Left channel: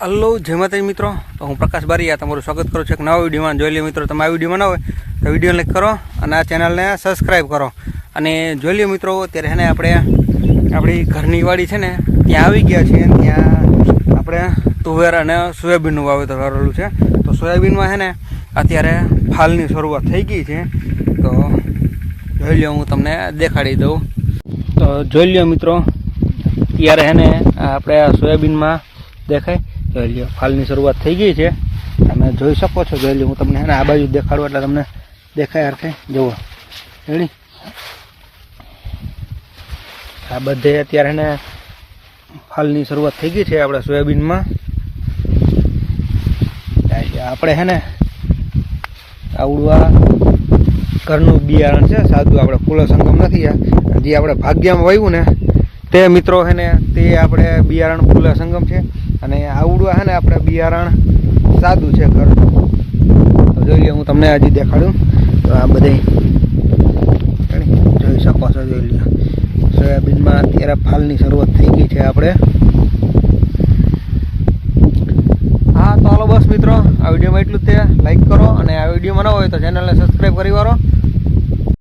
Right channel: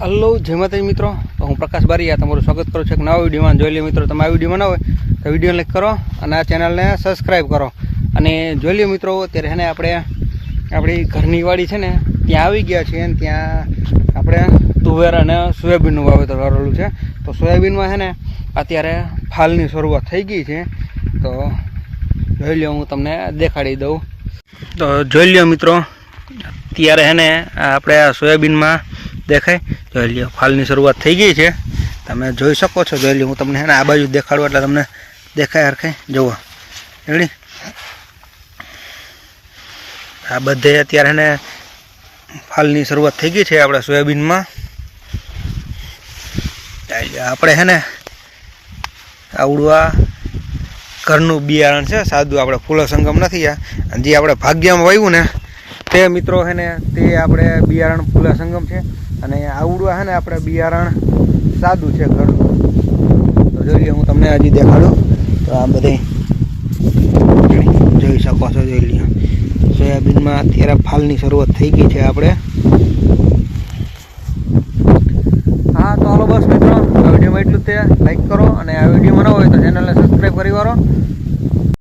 Hello જય માતાજી મિત્રો, તો હું પ્રકાશ બારીયા તમારું સ્વાગત કરું છું એક નવા વિડીયોમાં. જોઈ લો મિત્રો, તમે આ વિડીયોમાં ના હોય તો વિડીયો લાઈક કરો અને આ ચેનલને સબસ્ક્રાઈબ કરો. અને જોઈ લો મિત્રો, અત્યારે છે ને આપણે આપણી ઘરની વાડી છે ને ત્યાં આવી ગયા છીએ. ત્યાં આપણે તુવેર અને સોયાબીનનું વાવેતર કરેલું છે. તો સોયાબીનમાં છે ને અત્યારે ફાલની શરૂઆત થઈ ગઈ છે. તો જોઈ લો, હું તમને દેખાડી દઉં. તો જોઈ લો મિત્રો, ત્યારે છે ને આપણે સોયાબીનમાં દેખાય, જોઈ લ્યો ફાલની શરૂઆત થઈ ગઈ છે. તમે જોઈ શકો છો. જોઈ લ્યો, હું તમને આ બાજુ દેખાડું એટલે તમને દેખાય હરખાય. જુઓ રેડી, આ બધે અત્યારે ને ફાલની શરૂઆત થઈ ગઈ છે આપણે સોયાબીનમાં. આપણે છે ને આવડું આ ઘરનું બિયારણ છે, સાદું. આપણે ફૂલો સંગમ નથી. આ જે આપણે ભાગ્યમાં વાવ્યું ને તે મિત્રો છે ને તે આપણે બિયારણ ફૂલા સંગમ છે. અને આવડું છે ને આપણે બિયારણ સાદું છે ઘરનું. તો જોઈ લો, હું તમને હજી દેખાડું. તો આ બધી જોઈ શકો છો. જોઈ લો, સોયાબીનમાં અત્યારે ફાલની શરૂઆત થઈ ગઈ છે આપણે. હા, તો હાલો બસ મિત્રો, આ વિડીયોમાં એટલું જ તે. લાઈક કરો અને આ વિડીયોમાં ન હોય તો ચેનલને સબસ્ક્રાઈબ કરી વાળો.